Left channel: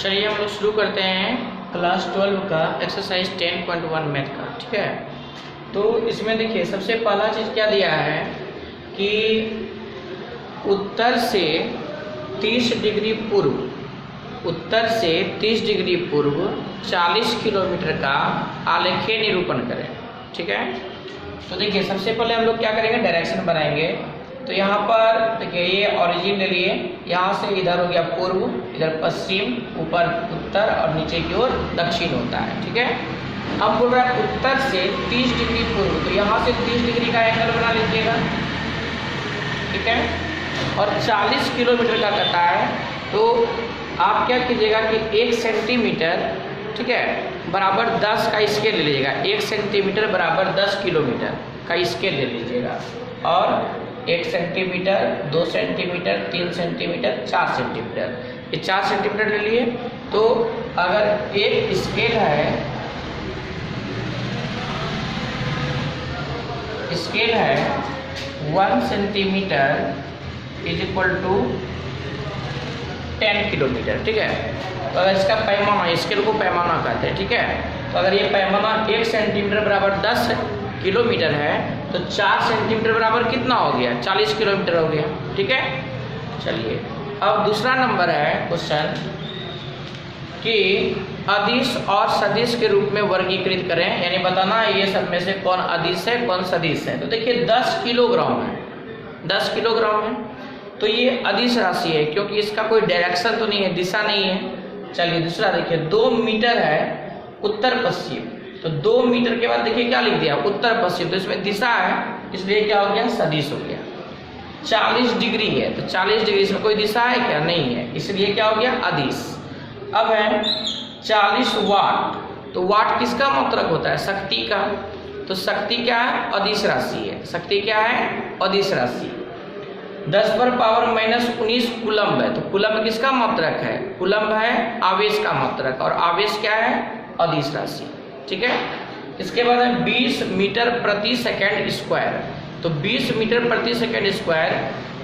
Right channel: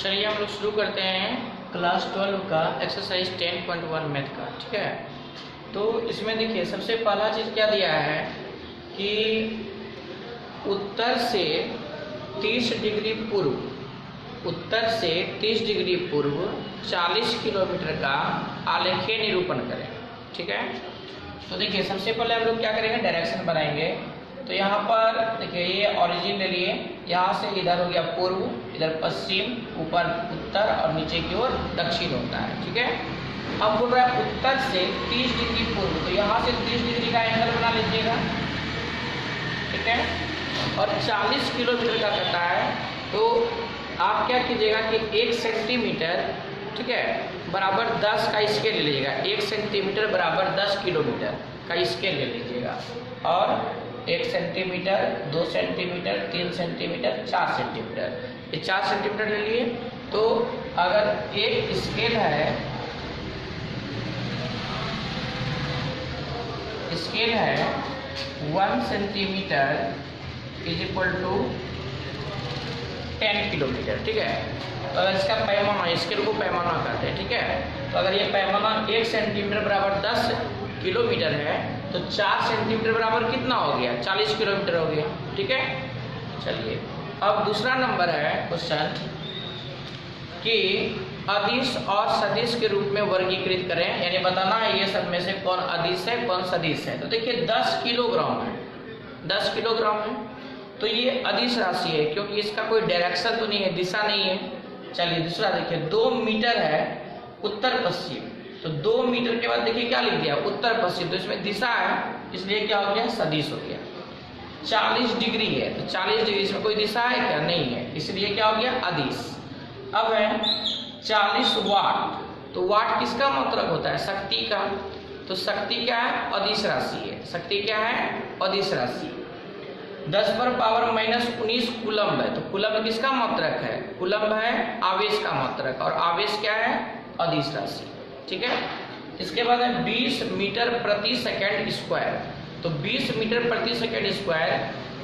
चलिए हम लोग शुरू करते हैं क्लास 12 का एक्सरसाइज 10.1 मैथ का। ठीक है, तो इसमें देखिए सबसे पहला चीज़ क्या दिया है कि उत्तर से 30 डिग्री पूर्व, उत्तर से 30 डिग्री पूर्व 40 किलोमीटर का आलेखीय निरूपण करें। ठीक है, तो देखिए सबसे पहले हम लोग क्या करेंगे, डायरेक्शन बनाएंगे। तो यहाँ पर देखिए ये ओरिजिन ले लिए, यहाँ से इधर हो गया पूर्व, इधर पश्चिम, ऊपर उत्तर और नीचे की ओर दक्षिण होता है। ठीक है, अब बोल रहा है उत्तर से 30 डिग्री पूर्व, तो यहाँ से 30 डिग्री का एंगल बना लीजिएगा। ठीक है, और 40 किलोमीटर का कटा है, तो आप क्या कीजिएगा कि 1 सेंटीमीटर, ठीक है, बराबर 10 का स्केल ले लीजिएगा। 1 सेंटीमीटर बराबर 10 किलोमीटर का स्केल ले लीजिएगा, और 1 सेंटीमीटर, 2 सेंटीमीटर, 3 सेंटीमीटर, 4 सेंटीमीटर, ये 4 सेंटीमीटर ले लिए। तो अगर एक स्केल है, स्केल है 1 centimetre is equal to 10 kilometre. ठीक है, तो अगर इसका पैमाना, स्केल को पैमाना कहते हैं। ठीक है, तो अगर ये पैमाना 1 सेंटीमीटर बराबर 10 किलोमीटर है, तो 4 सेंटीमीटर बराबर कितना हो गया, 40 किलोमीटर हो गया। ठीक है, चलिए अब दूसरा नंबर है क्वेश्चन कि अदिश और सदिश के रूप में वर्गीकृत करें, यानी बताना है ये सब में से कौन अदिश है कौन सदिश है। तो देखिए 10 किलोग्राम है, 10 किलोग्राम है, तो ये अदिश राशि है क्योंकि इसका कोई डायरेक्शन तो नहीं है, दिशा नहीं है। चलिए दूसरा देखिए 2 मीटर है उत्तर पश्चिम, तो 2 मीटर के बाद देखिए क्या लिख दिया, उत्तर पश्चिम, तो इसमें दिशा है, इसलिए क्या हो गया, सदिश हो गया। 40 डिग्री है, तो 40 डिग्री इसमें कोई दिशा है क्या, नहीं है, इसलिए क्या हो गया, अदिश। अब है 40 वाट, तो वाट किसका मात्रक होता है, शक्ति का, तो शक्ति क्या है, अदिश राशि है। शक्ति क्या है, अदिश राशि। 10 पर पावर -19 कूलम्ब है, तो कूलम्ब किसका मात्रक है, कूलम्ब है आवेश का मात्रक, और आवेश क्या है, अदिश राशि। ठीक है, इसके बाद है 20 मीटर प्रति सेकंड स्क्वायर, तो 20 मीटर प्रति सेकंड स्क्वायर,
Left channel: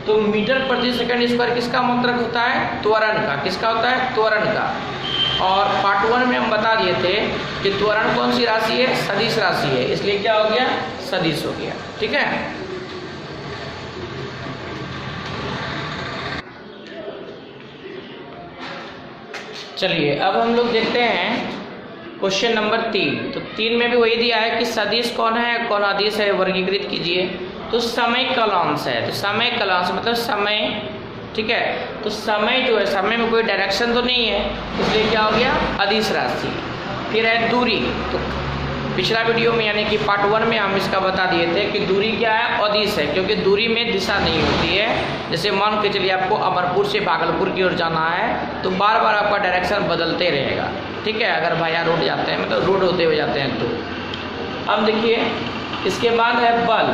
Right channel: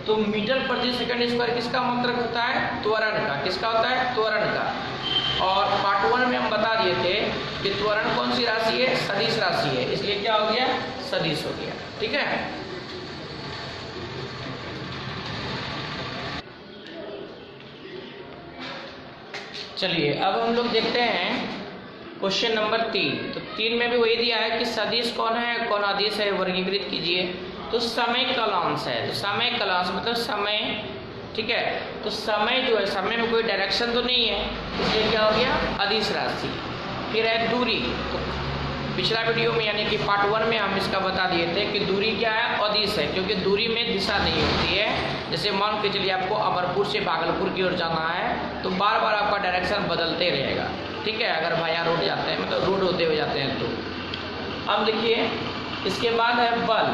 तो मीटर प्रति सेकंड स्क्वायर किसका मात्रक होता है, त्वरण का। किसका होता है, त्वरण का। और पार्ट 1 में हम बता दिए थे कि त्वरण कौन सी राशि है, सदिश राशि है, इसलिए क्या हो गया, सदिश हो गया। ठीक है, चलिए अब हम लोग देखते हैं क्वेश्चन नंबर 3। तो 3 में भी वही दिया है कि सदिश कौन है कौन अदिश है, वर्गीकृत कीजिए। तो समय कालांश है, तो समय कालांश मतलब समय। ठीक है, तो समय जो है, समय में कोई डायरेक्शन तो नहीं है, इसलिए क्या हो गया, अदिश राशि। फिर है दूरी, तो पिछला वीडियो में यानी कि पार्ट 1 में हम इसका बता दिए थे कि दूरी क्या है, अदिश है, क्योंकि दूरी में दिशा नहीं होती है। जैसे मान के चलिए आपको अमरपुर से भागलपुर की ओर जाना है, तो बार बार आपका डायरेक्शन बदलते रहेगा। ठीक है, अगर भाया रोड जाते हैं, मतलब रोड होते हुए जाते हैं तो। अब देखिए इसके बाद है बल।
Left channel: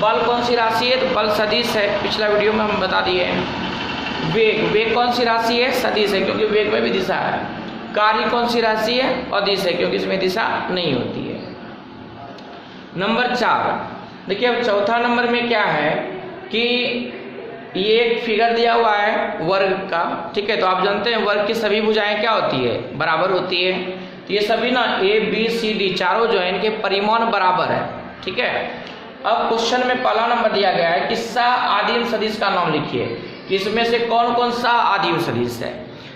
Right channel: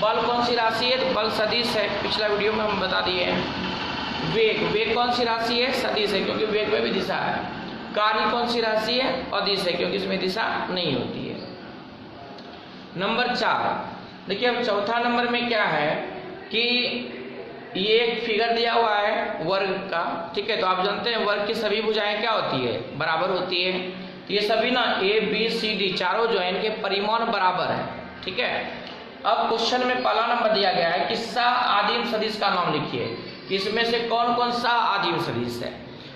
बल कौन सी राशि है, तो बल सदिश है, पिछला वीडियो में हम बता दिए हैं। वेग, वेग कौन सी राशि है, सदिश है, क्योंकि वेग में भी दिशा है। कार्य कौन सी राशि है, अदिश है, क्योंकि इसमें दिशा नहीं होती है। नंबर 4 देखिए, अब चौथा नंबर में क्या है कि ये एक फिगर दिया हुआ है वर्ग का। ठीक है, तो आप जानते हैं वर्ग की सभी भुजाएं क्या होती है, बराबर होती है। तो ये सभी ना ABCD चारों जो है इनके परिमाण बराबर है। ठीक है, अब क्वेश्चन में पहला नंबर दिया गया है कि सा आदिम सदिश का नाम लिखिए, कि इसमें से कौन कौन सा आदिम सदिश है।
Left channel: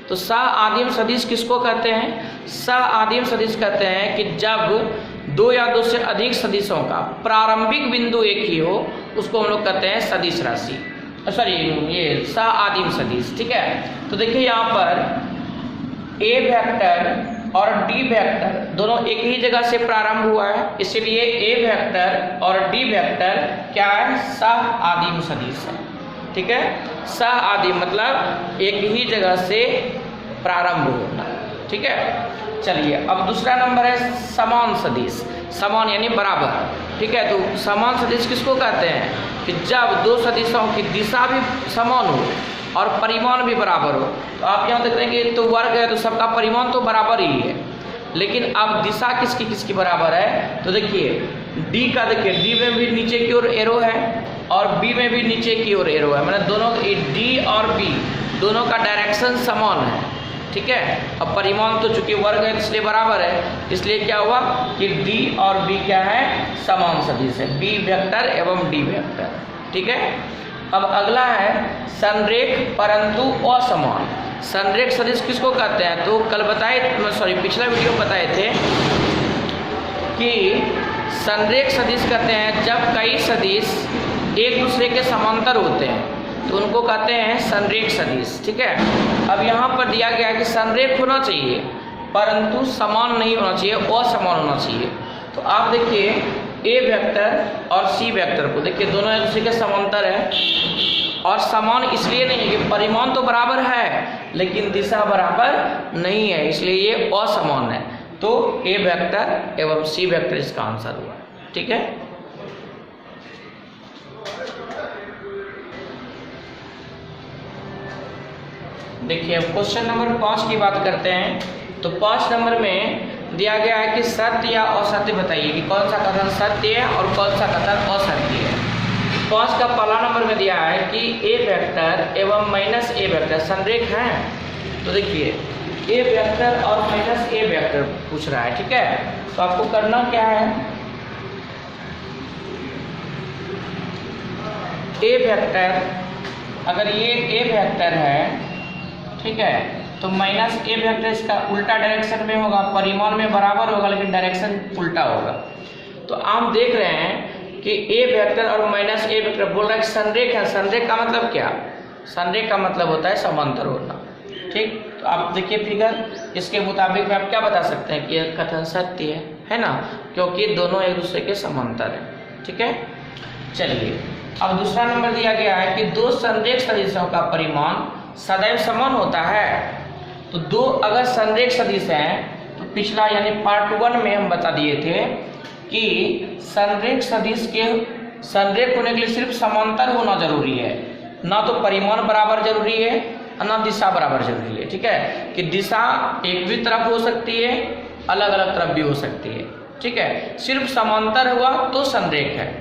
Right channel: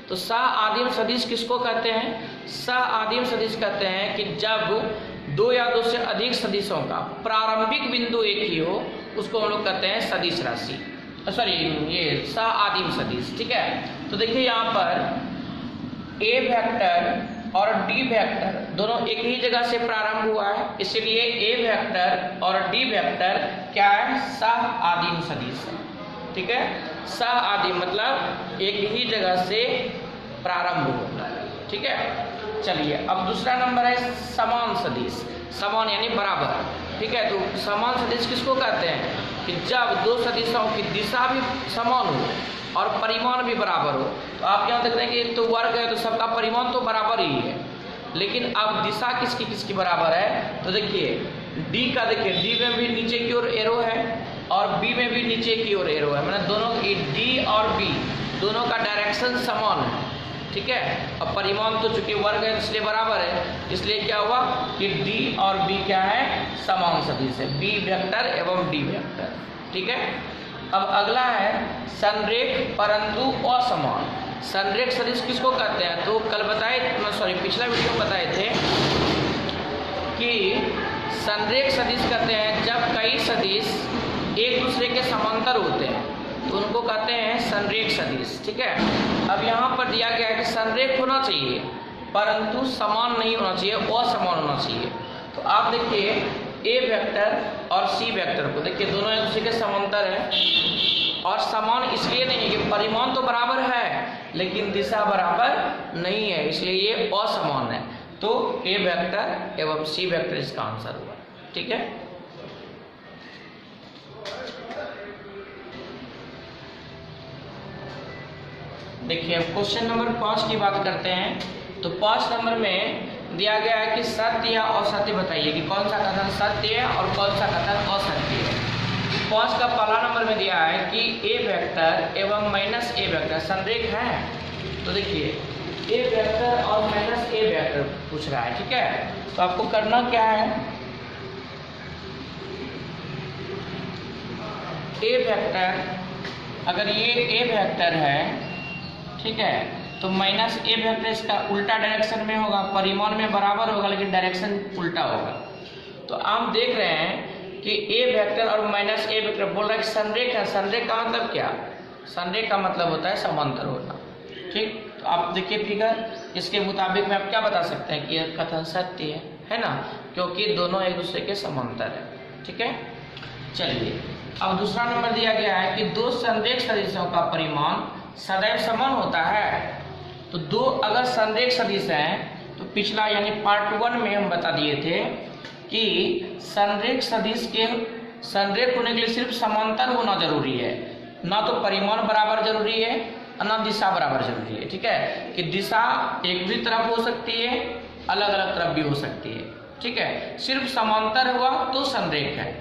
तो सा आदिम सदिश किसको कहते हैं, सा आदिम सदिश कहते हैं कि जब 2 या 2 से अधिक सदिशों का प्रारंभिक बिंदु एक ही हो, उसको हम लोग कहते हैं सदिश राशि, सॉरी ये सा आदिम सदिश। ठीक है, तो देखिए यहाँ पर A वेक्टर और D वेक्टर दोनों एक ही जगह से प्रारंभ हुआ है, इसीलिए A वेक्टर और D वेक्टर क्या है, सा आदिम सदिश है। ठीक है, सा आदिम मतलब एक ही जगह से प्रारंभ होना। ठीक है, चलिए अब दूसरा नंबर है समान सदिश। समान यानी बराबर। ठीक है, तो समान सदिश किसको कहते हैं कि जब 2 सदिशों की दिशा भी समान हो और परिमाण भी बराबर हो। तो आप यहाँ देख रहे हैं कि तो वर्ग है, तो सबका परिमाण तो बराबर ही है, लेकिन अब दिशा किसकी किसकी बराबर है। तो देखिए डी का, देखिए डी में भी नीचे की ओर एरो है और बी में भी नीचे की ओर एरो है, मतलब दोनों डी और बी दोनों का डायरेक्शन समान है। ठीक है। अब परिमाण तो चूंकि वर्ग है इसलिए बराबर है, इसलिए क्या हुआ कि डी और बी क्या है, समान सदिश है, बी वेक्टर एवं डी वेक्टर, ठीक है। अब अगला है संरेख परंतु असमान। संरेख सदिश किसको कहते हैं, तो कल बताए, पिछला वीडियो में बताए थे कि संरेख सदिश कहते हैं जब कई सदिश एक दूसरे के समांतर होते हैं तो उनको कहते हैं संरेख सदिश, ठीक है। अब यहाँ पर दिया गया है कि संरेख होना चाहिए परंतु समान नहीं होना चाहिए, असमान होना चाहिए। तो आप देखिए ए वेक्टर और सी वेक्टर को देखिए, दोनों एक दूसरे के समांतर है और समान इसलिए नहीं है कि परिमाण तो बराबर है लेकिन दिशा बराबर नहीं है, इसलिए ये असमान है। तो ए वेक्टर एवं सी वेक्टर इसका आंसर हुआ, ठीक है। देखिए अब क्वेश्चन नंबर 5 की बात करते हैं। तो 5 नंबर में दिया गया है कि सत्य या असत्य बताइए कि कौन सा कथन सत्य है और कौन सा कथन असत्य है। 5 का पहला नंबर में दिया है कि ए वेक्टर एवं माइनस ए वेक्टर संरेख हैं। तो देखिए ए वेक्टर और माइनस ए वेक्टर पूछ रहा है, ठीक है। तो आपको करना क्या है, ए वेक्टर अगर ये ए वेक्टर है, ठीक है, तो माइनस ए वेक्टर इसका उल्टा डायरेक्शन में होगा, परिमाण में बराबर होगा लेकिन डायरेक्शन उल्टा होगा। तो आप देख रहे हैं कि ए वेक्टर और माइनस ए वेक्टर बोल रहा है कि संरेख है। संरेख का मतलब क्या, संरेख का मतलब होता है समांतर होना, ठीक। तो आप देखिए फिगर, इसके मुताबिक में आप क्या बता सकते हैं कि यह कथन सत्य है ना, क्योंकि दोनों एक दूसरे के समांतर है, ठीक है। चलिए अब दूसरा नंबर दिया गया है कि दो संरेख सदिशों का परिमाण सदैव समान होता है। तो दो अगर संरेख सदिश हैं तो पिछला यानी पार्ट 1 में हम बता दिए थे कि संरेख सदिश के संरेख होने के लिए सिर्फ समांतर होना जरूरी है, ना तो परिमाण बराबर जरूरी है और ना दिशा बराबर जरूरी है, ठीक है। कि दिशा एक भी तरफ हो सकती है, अलग अलग तरफ भी हो सकती है, ठीक है। सिर्फ समांतर हुआ तो संरेख है,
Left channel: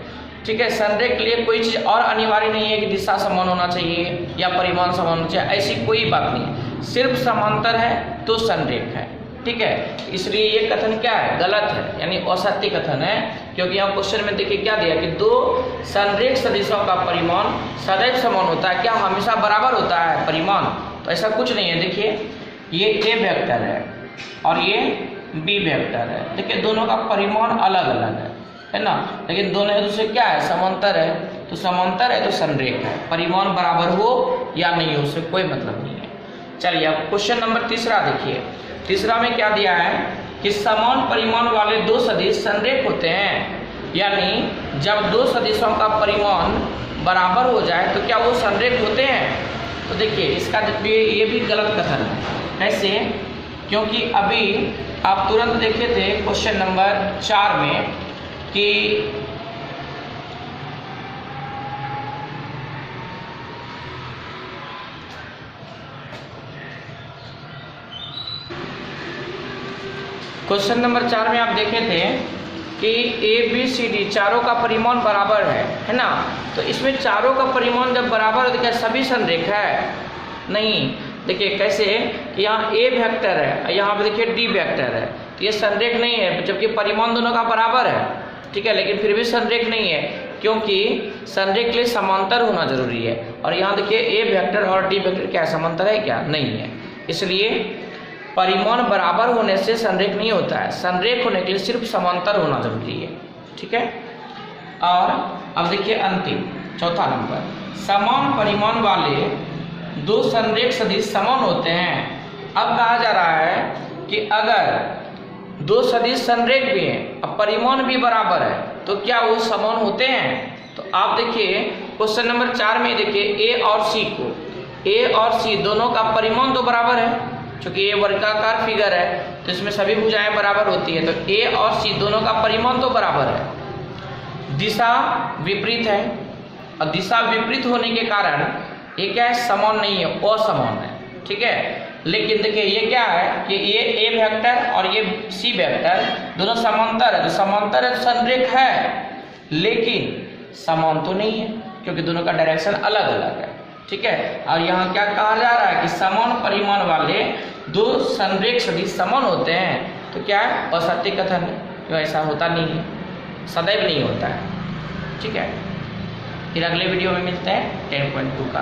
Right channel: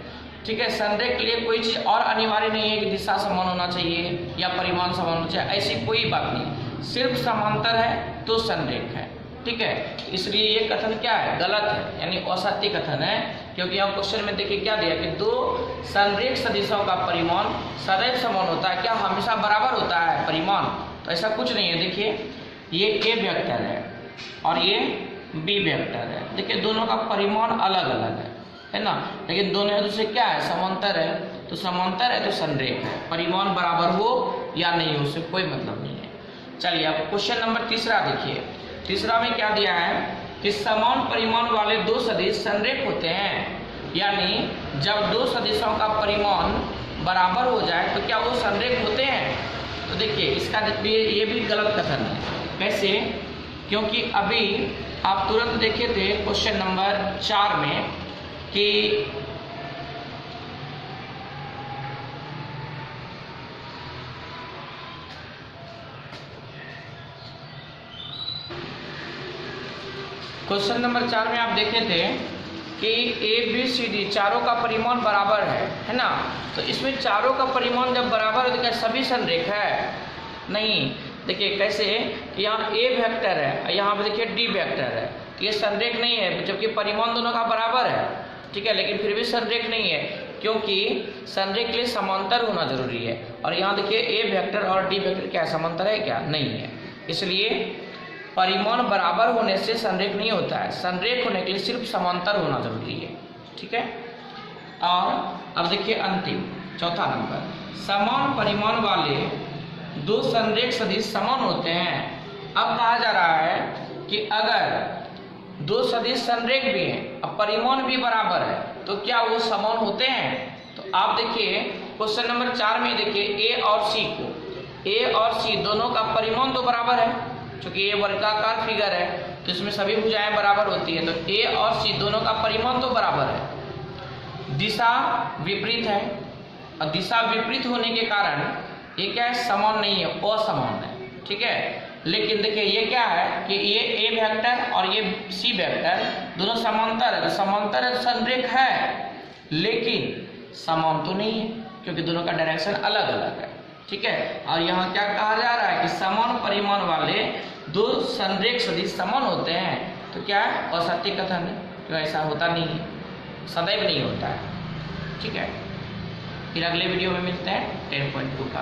ठीक है। संरेख के लिए कोई चीज़ और अनिवार्य नहीं है कि दिशा समान होना चाहिए या परिमाण समान होना चाहिए, ऐसी कोई बात नहीं है। सिर्फ समांतर है तो संरेख है, ठीक है। इसलिए ये कथन क्या है, गलत है, यानी असत्य कथन है। क्योंकि यहाँ क्वेश्चन में देखिए क्या दिया कि दो संरेख सदिशों का परिमाण सदैव समान होता है। क्या हमेशा बराबर होता है परिमाण, तो ऐसा कुछ नहीं है। देखिए ये ए वेक्टर है और ये बी वेक्टर है, देखिए दोनों का परिमाण अलग अलग है ना, लेकिन दोनों एक दूसरे क्या है, समांतर है। तो समांतर है तो संरेख है, परिमाण बराबर हो या नहीं हो उससे कोई मतलब नहीं है। चलिए अब क्वेश्चन नंबर 3 देखिए। 3 में क्या दिया है कि समान परिमाण वाले दो सदिश संरेख होते हैं, यानी जब दो सदिशों का परिमाण बराबर हो जाए तो क्या वो संरेख होते हैं। तो देखिए इसका ये भी गलत कथन है। कैसे, क्योंकि अभी आप तुरंत देखे थे क्वेश्चन नंबर 4 में कि क्वेश्चन नंबर 4 में आप देखे थे कि ए बी सी डी चारों का परिमाण बराबर है ना। तो इसमें चारों का परिमाण जब बराबर है तो क्या सभी संरेख है, नहीं। देखिए कैसे कि यहाँ ए वेक्टर है, यहाँ पे देखिए डी वेक्टर है, तो ये संरेख नहीं है, जबकि परिमाण दोनों का बराबर है, ठीक है, लेकिन फिर भी संरेख नहीं है क्योंकि संरेख के लिए समांतर होना जरूरी है। और यहाँ देखिए ए वेक्टर और डी वेक्टर क्या समांतर है, क्या नहीं है। इसलिए परिमाण बराबर होने से संरेख नहीं होता है, संरेख होने के लिए सिर्फ समांतर होना जरूरी है, ठीक है। और अब देखिए अंतिम चौथा नंबर, समान परिमाण वाले दो संरेख सदिश समान होते हैं। अब कहा जा रहा है कि अगर दो सदिश संरेख भी हैं और परिमाण भी बराबर है तो क्या वो समान होते हैं। तो आप देखिए क्वेश्चन नंबर 4 में देखिए ए और सी को, ए और सी दोनों का परिमाण तो बराबर है, क्योंकि ये वर्गाकार फिगर है तो इसमें सभी भुजाएं बराबर होती है। तो ए और सी दोनों का परिमाण तो बराबर है, दिशा विपरीत है और दिशा विपरीत होने के कारण ये क्या है, समान नहीं है, असमान है, ठीक है। लेकिन देखिए ये क्या है कि ये ए वेक्टर और ये सी वेक्टर दोनों समांतर है, तो समांतर है संरेख है, लेकिन समान तो नहीं है क्योंकि दोनों का डायरेक्शन अलग अलग है, ठीक है। और यहाँ क्या कहा जा रहा है कि समान परिमाण वाले दो संरेख सदिश समान होते हैं तो क्या है, असत्य कथन है, तो ऐसा होता नहीं है, सदैव नहीं होता है। ठीक है, फिर अगले वीडियो में मिलते हैं 10.2 का।